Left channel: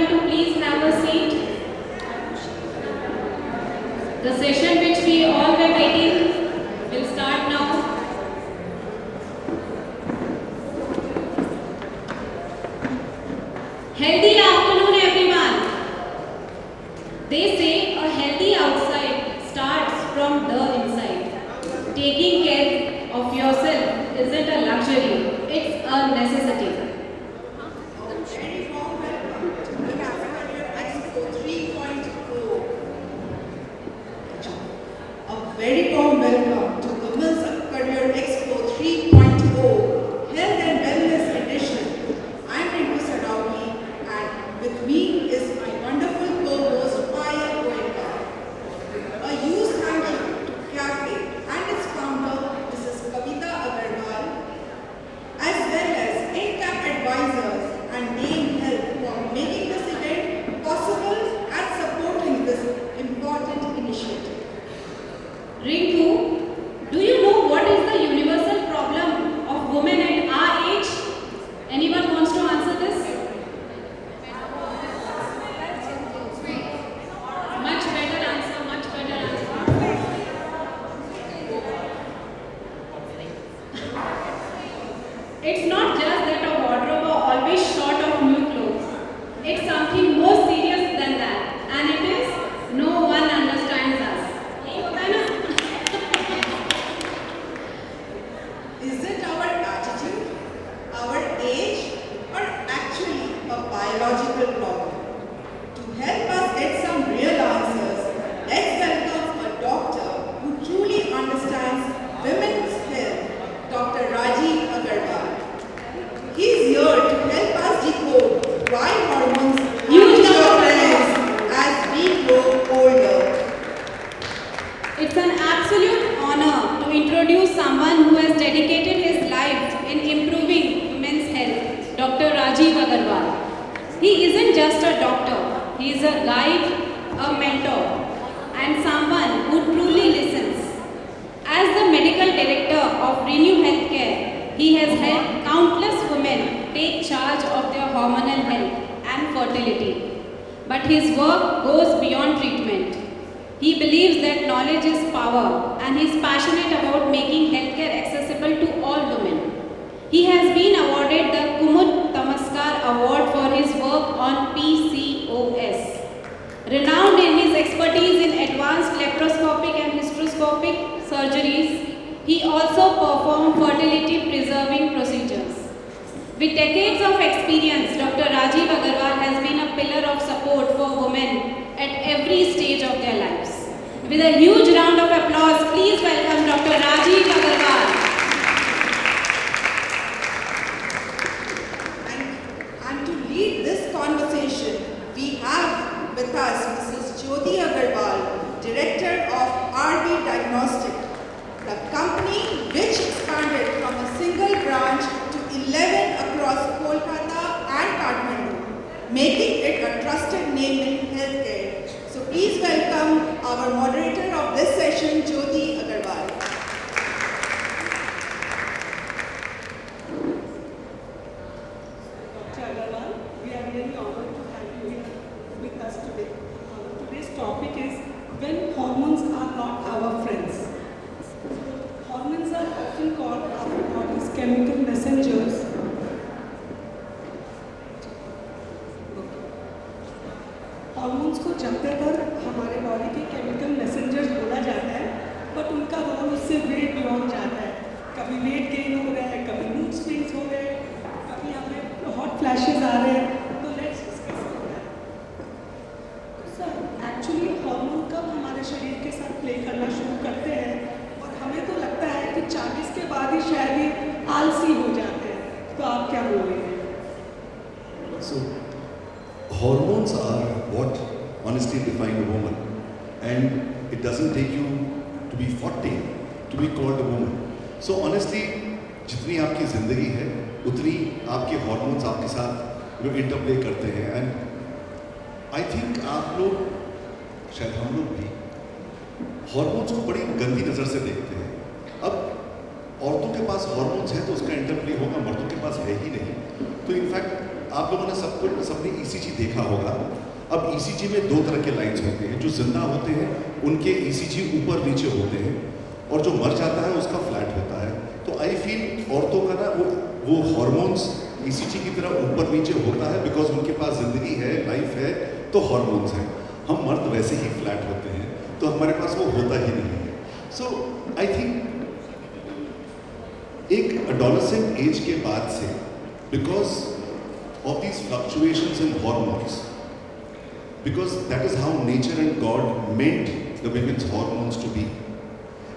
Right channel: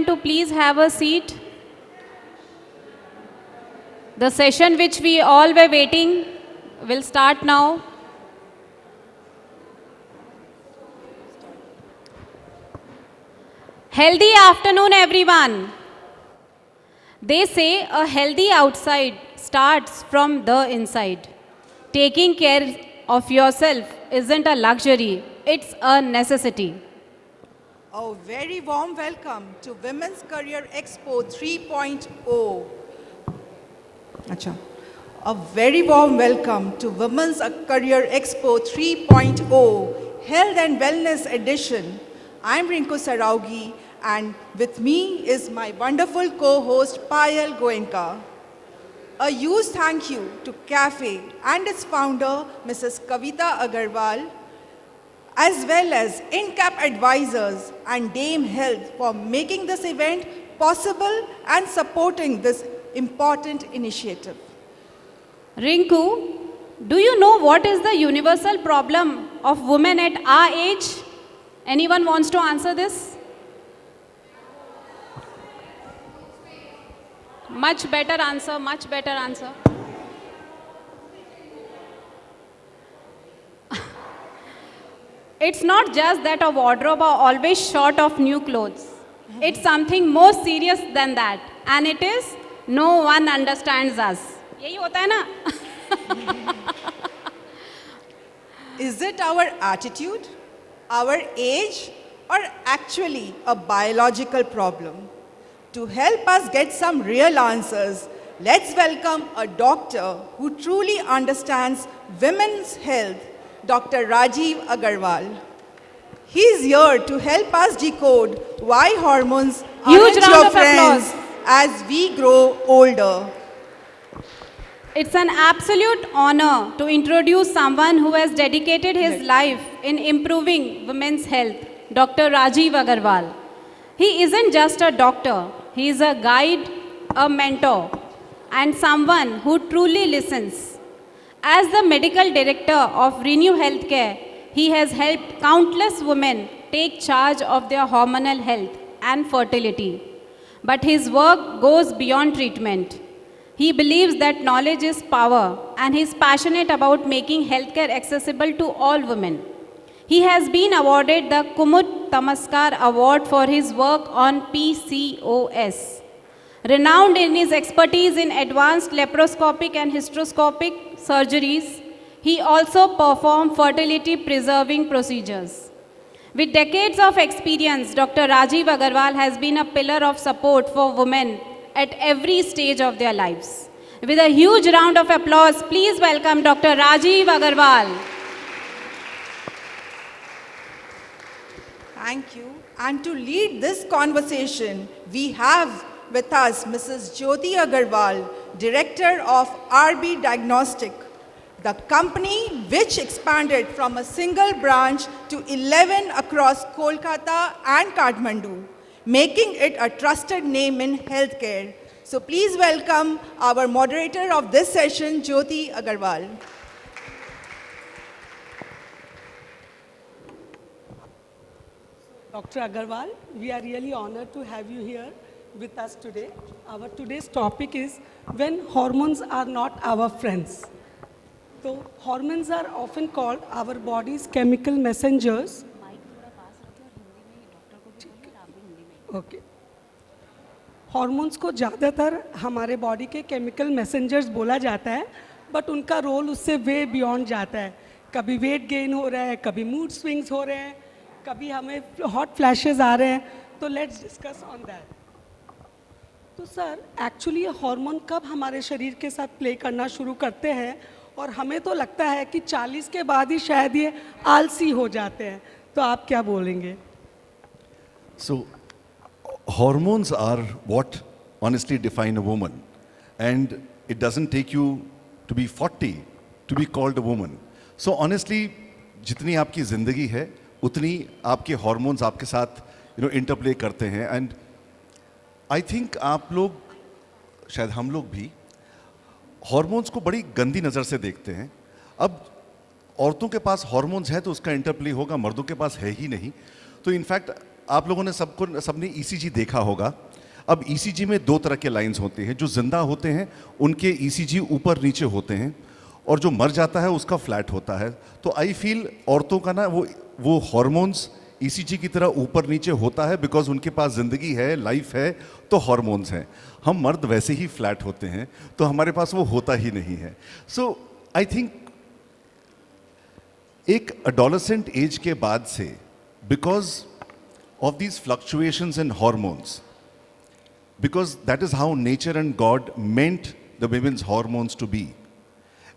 everyone to please have a seat. The session which we all were waiting will start now. Healthy afternoon, everyone. They say a healthy outside starts from the inside. Taking care of yourself isn't a luxury, it's a necessity. A very warm welcome to Women's Career Expo 3.0. Acha. A very warm welcome to Women's Career Expo 3.0 Health and Wellness Edition. I'm Rinku Saraugi and with me is my wonderful co-host Payal Goenka. A huge thank you to CAFE and its founder Mrs. Kavita Agarwal, as well as INCAP advisors and Dame Health for making this event possible and supporting this important initiative. Rinku, do you know what is the universal problem of women at our age? Anyone wants to answer this? Much better answer, much better answer. It's not just that our wardrobe are always short of new clothes. It's something more serious than that. And it is, no one understands us. यही होता है ना? Is it our attitude, our age, or actually a biological problem? To help us get some real answers, let's welcome a doctor who truly understands women's health, Dr. Rajiv Agarwal. He is here to help us decode why hormones aren't your friends as we grow older. It's an absolute honor to introduce someone who has dedicated his life in improving women's health, Dr. Rajiv Agarwal. He isn't just a doctor, he is a guide, a mentor, and someone who truly listens. As the medical director of Renew Healthcare, he has helped countless women take charge of their hormonal health and fertility. But his work goes beyond treatment. He believes that knowledge is power and he is passionate about making healthcare accessible to all women. He has been awarded the Kumud Tamaskar Award for his work on PCOS. Renowned in his expertise in advanced laparoscopic and hysteroscopic surgeries, he also performed fertility preserving procedures. With decades of experience, Dr. Rajiv Agarwal has been a pillar of support for women at every stage of their lives. With a huge round of applause, please welcome Dr. Rajiv Agarwal. Thank you. And to lead this conversation, we have with us Mrs. Jyoti Agarwal, Director of RB Diagnostic, the company which expanded from a single branch to 11 across Kolkata and Kathmandu, making it a trusted name in healthcare. So please welcome our moderator of this session, Jyoti Agarwal. Dr. Agarwal, we are really honored to have you here with us today. Our today's topic is when hormones are not our friends. So, hormones are often called our body's chemical messengers. Okay. Hormones को ज़्यादातर हमारे body के chemical messengers बोला जाता है, but उनका role उससे way beyond जाता है. कभी वेट गेन हो रहा है, कभी मूड स्विंग्स हो रहे हैं, कभी हमें हॉट फ्लैशेस आ रहे हैं. तो लेट्स डिस्कस ऑन दैट. तो सर, एक्चुअली हार्मोन कब हमारे शरीर के साथ प्ले करना शुरू करते हैं, और हमें तो लगता है कि 40 के बाद ही शायद ये आलसी हो जाते हैं. तो आप क्या बोलेंगे? So, hormones are what honestly define a woman, and it doesn't take you to be 40 to be called a woman. So honestly, जितनी आपकी ज़िंदगी है उतनी आपके hormones आपके साथ इंटरप्ले करते हैं. एंड आई थिंक आप लोग, शायद हम लोग भी, हॉर्मोन्स को बड़ी गंदी नज़र से देखते हैं. अब औरतों के पास हॉर्मोन्स है तो उसका इंटरप्ले होगा, मर्दों के पास है ही नहीं. तो इनफैक्ट आप लोगों ने सबने ईसीजी देखा होगा। अब ईसीजी में दो तरह के लाइंस होते हैं, जो जिंदा होते हैं उनके ईसीजी ऊपर नीचे होते हैं, और जो मर जाता है उसका फ्लैट होता है। तो आई फील औरतों का ना वो हार्मोन्स ईसीजी की तरह ऊपर नीचे होता है, बिकॉज उनके पास जिंदगी है, लाइफ है, तो हार्मोन्स हैं। हम मर्द वैसे ही फ्लैट होते हैं, तो हमारे पास वो होता ही नहीं है। सो आई थिंक एक एडोलेसेंट एज के बाद से, because of these fluctuations in hormones, because that is how nature and God meant the women's hormones to be,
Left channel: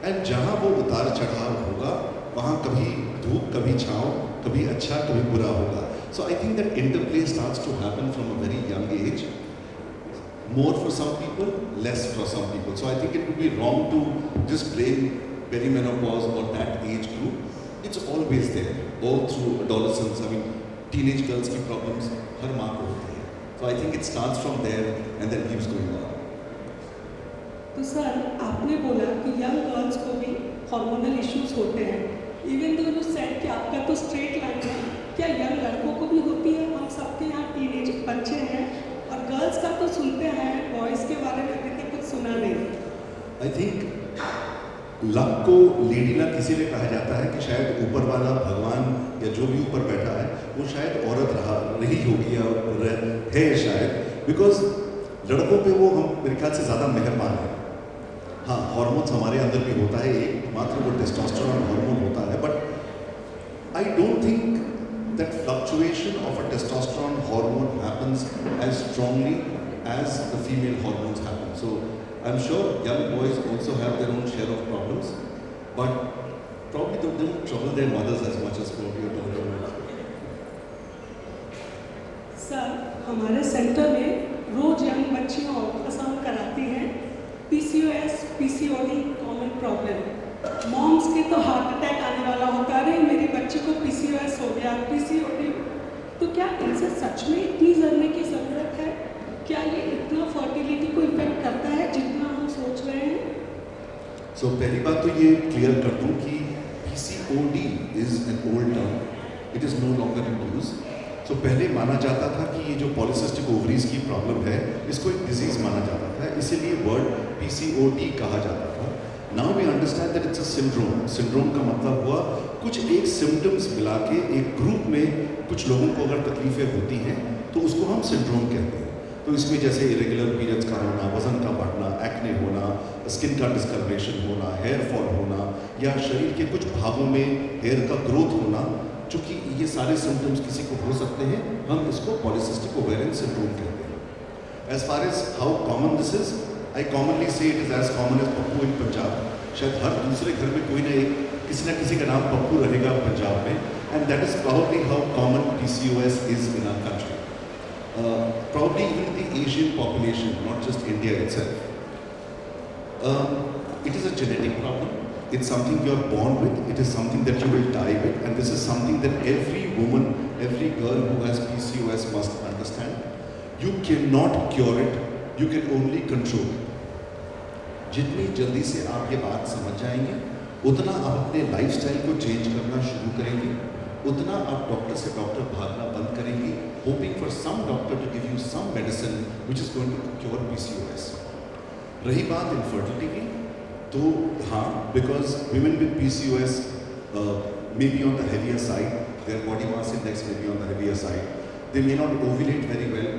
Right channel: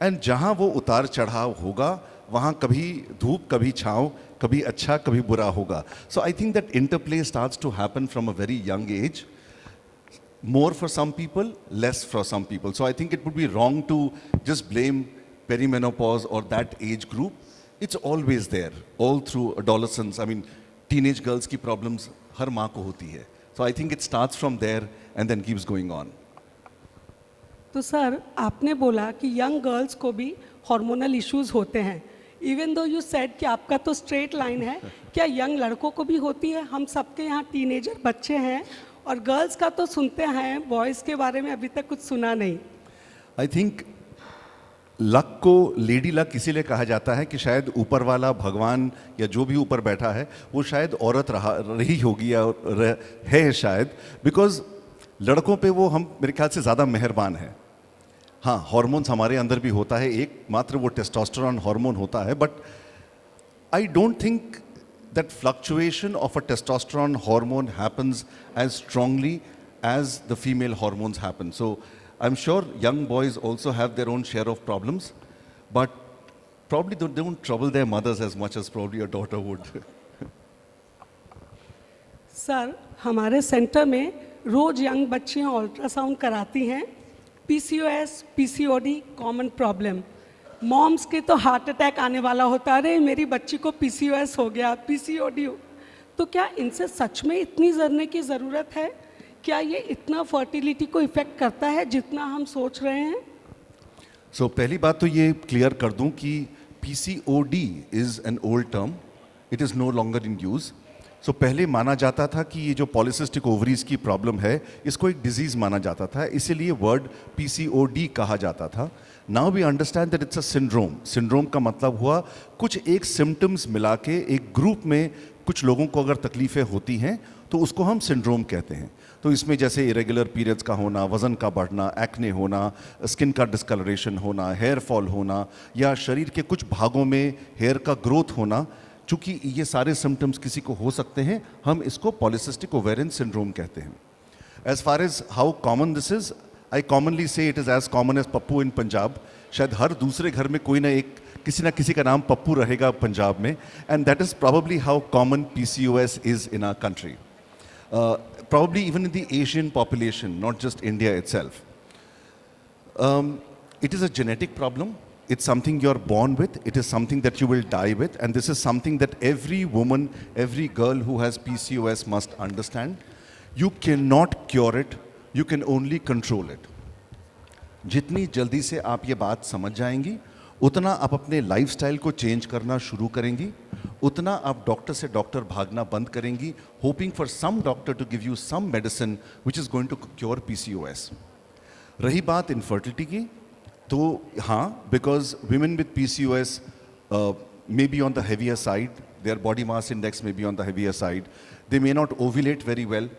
and जहां वो उतार चढ़ाव होगा वहां कभी धूप कभी छांव, कभी अच्छा कभी बुरा होगा। So I think that interplay starts to happen from a very young age, more for some people, less for some people. So I think it would be wrong to just blame perimenopause or that age group. It's always there, all through adolescence. I mean, teenage girls की problems हर माँ को होती है. So I think it starts from there and then keeps going on. तो sir, आपने बोला कि young girls को भी हार्मोनल इश्यूज होते हैं। इवन दो यू सेड कि आपका तो स्ट्रेट लाइन है, क्या यंग लड़कों को भी होती है? हम सबके यहाँ टीनेज बच्चे हैं, और गर्ल्स का तो सुनते हैं, बॉयज़ के बारे में अभी तक कुछ सुना नहीं। आई थिंक लक को लेडी लक इसीलिए कहा जाता है कि शायद ऊपर वाला भगवान या जो भी ऊपर बैठा है वो शायद औरत रही होगी या है शायद, बिकॉज लड़कों पे वो हम मेरे ख्याल से ज़्यादा मेहरबान है। हाँ, हार्मोन्स हमारे अंदर भी होता है, एक मात्र वो टेस्टोस्टेरोन हार्मोन होता है, but I don't think that fluctuation of a testosterone hormone happens as strongly as the female hormones happen. So I'm sure young boys also have their own share of problems, but probably they don't trouble their mothers as much as probably your daughter would. Sir, हमारे centre में रोज young बच्चियाँ ultrasound कराती हैं। PCOS, PCOD common problem. Moms के तो heart attack आने वाला होता है, मेरी बच्ची को PCOS हो गया, PCOD। तो क्या इनसे सच में इतनी जानने की ज़रूरत है? क्या ये इतना फर्टिलिटी को इफेक्ट करता है जितना हम सोच रहे हैं? So पहली बात तो ये क्लियर कर दूं कि PCOD is an old term, it is no longer in use. So पहले माना जाता था कि ये जो पॉलीसिस्टिक ओवरीज की प्रॉब्लम है इसको एक डिजीज माना जाता था, इसीलिए वर्ड PCOD कहा जाता था। Now we understand that it's a syndrome. Syndrome का मतलब हुआ कुछ एक सिम्टम्स मिला के एक ग्रुप में कुछ लोगों को अगर तकलीफें होती हैं तो उसको हम सिंड्रोम कहते हैं। तो इसमें जैसे इरेगुलर पीरियड्स का होना, वजन का बढ़ना, एक्ने होना, स्किन का डिस्कलरेशन होना, हेयर फॉल होना, या शरीर के कुछ भागों में हेयर का ग्रोथ होना, चूंकि ये सारे सिम्टम्स किसी को हो सकते हैं, हम इसको पॉलीसिस्टिक ओवेरियन सिंड्रोम कहते हैं। As far as how common this is, I commonly say it is as common as Pappu in Punjab. शायद हर दूसरे घर में कोई ना किसी का नाम पप्पू रहेगा पंजाब में, and that is probably how common PCOS is in our country. Probably even in the Asian population, not just India itself. It is a genetic problem. It's something you're born with. It is something that you will die with, and this is something that every woman, every girl who has PCOS must understand. You cannot cure it. You can only control it. जितनी जल्दी से आप ये बात समझ जाएंगे, उतना आप अपने लाइफस्टाइल को चेंज करना शुरू करेंगे, उतना आप डॉक्टर से डॉक्टर भागना बंद करेंगी, hoping for some doctor to give you some medicine which is going to cure PCOS। रही बात इनफर्टिलिटी की, तो हाँ, because women with PCOS may be on the heavier side, their body mass index may be on the heavier side, they may not ovulate very well,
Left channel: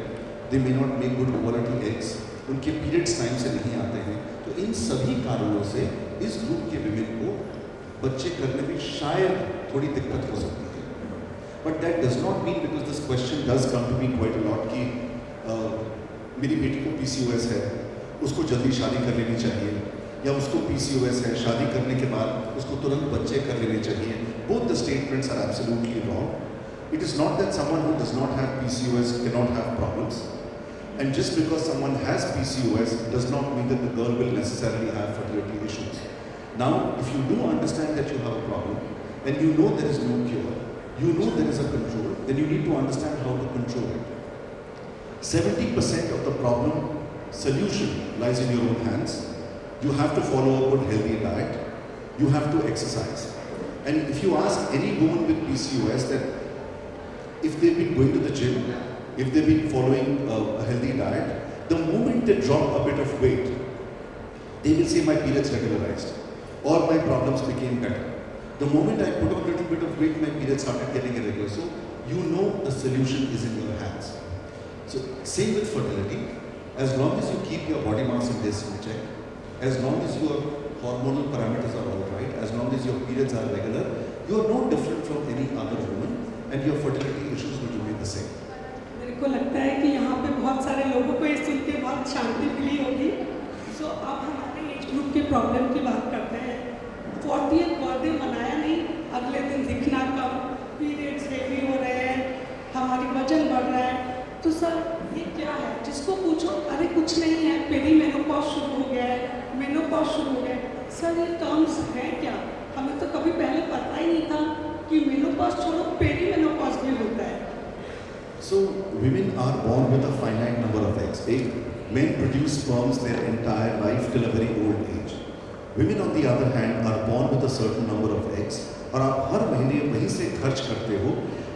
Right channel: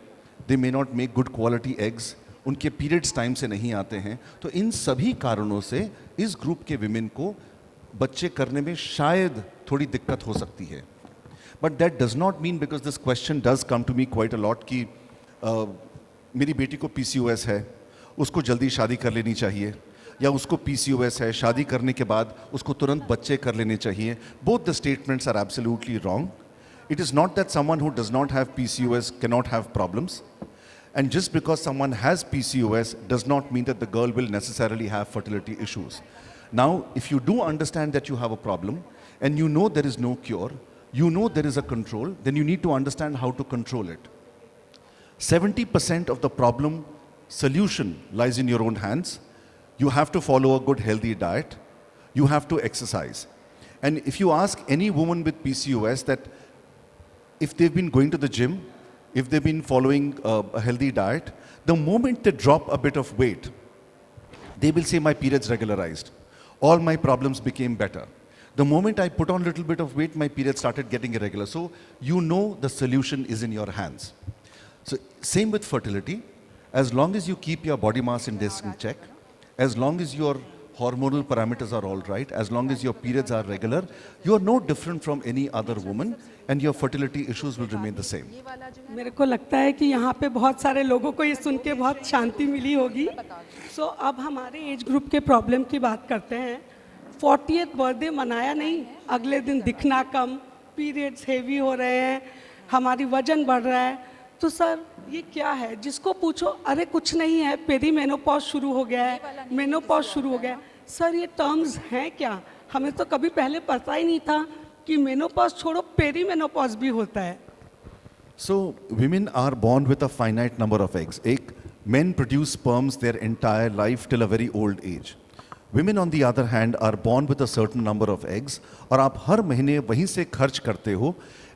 they may not make good quality eggs, उनके periods time से नहीं आते हैं। तो इन सभी कारणों से इस ग्रुप के विमेन को बच्चे करने में शायद थोड़ी दिक्कत हो सकती है। But that does not mean, because this question does come to me quite a lot, कि मेरी बेटी को PCOS है, उसको जल्दी शादी कर लेनी चाहिए, या उसको PCOS है, शादी करने के बाद उसको तुरंत बच्चे कर लेने चाहिए। Both the statements are absolutely wrong. It is not that someone who does not have PCOS cannot have problems. And just because someone has PCOS does not mean that the girl will necessarily have fertility issues. Now, if you do understand that you have a problem and you know there is no cure, you know there is a control, then you need to understand how to control it. 70% of the problem solution lies in your own hands. You have to follow a good healthy diet. You have to exercise. And if you ask any woman with PCOS that if they've been going to the gym, if they've been following a healthy diet, the moment they drop a bit of weight, they will say my periods regularized. All my problems became better. The moment I put on a little bit of weight, my periods started getting irregular. So you know the solution is in your hands. So same with fertility. As long as you keep your body mass index in check, as long as your hormonal parameters are all right, as long as your periods are regular, you are no different from any other woman and your fertility issues will remain the same. मेरे को लगता है कि यहाँ पे बहुत सारे लोगों को ये सुन के बहुत शांति मिली होगी। सो अब हमारे एज ग्रुप के प्रॉब्लम की बात करते हैं। 40th बर्थडे मनाया नहीं, अगले दिन दिखना कम, पीरियड्स हेवी हो रहे हैं, हमारी वजन बढ़ रहा है। तो सर ये क्या है? जिसको पूछो अरे कुछ नहीं है, पेरीमेनोपॉज शुरू हो गया है, मेनोपॉज शुरू हो गया है। सर ये टर्म्स हैं क्या? हमें तो कभी पहले पता ही नहीं था कि मेनोपॉज छोड़ो पेरीमेनोपॉज भी होता है। So women are born with a finite number of eggs. Men produce sperms their entire life till a very old age. Women on the other hand are born with a certain number of eggs और आप हर महीने वहीं से खर्च करते हो.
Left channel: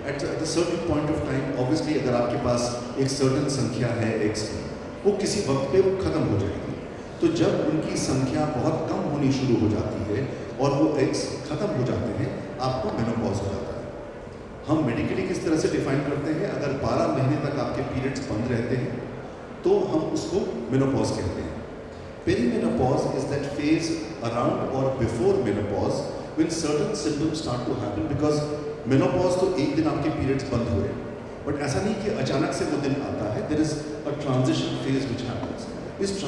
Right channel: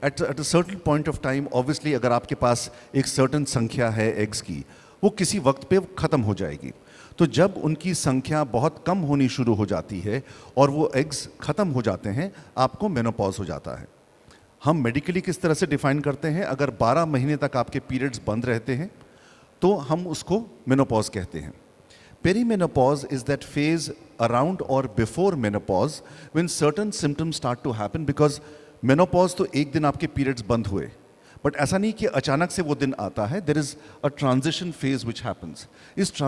At a certain point of time, obviously अगर आपके पास एक certain संख्या है eggs की, वो किसी वक्त पे खत्म हो जाएगी. तो जब उनकी संख्या बहुत कम होनी शुरू हो जाती है और वो eggs खत्म हो जाते हैं, आपको मेनोपॉज हो जाता है. हम मेडिकली किस तरह से डिफाइन करते हैं? अगर 12 महीने तक आपके पीरियड्स बंद रहते हैं तो हम उसको मेनोपॉज कहते हैं. Perimenopause is that phase around और before menopause when certain symptoms start to happen. Because menopause तो एक दिन आपके पीरियड्स बंद हुए, बट ऐसा नहीं कि अचानक से वो दिन आता है. There is a transition phase which happens. इस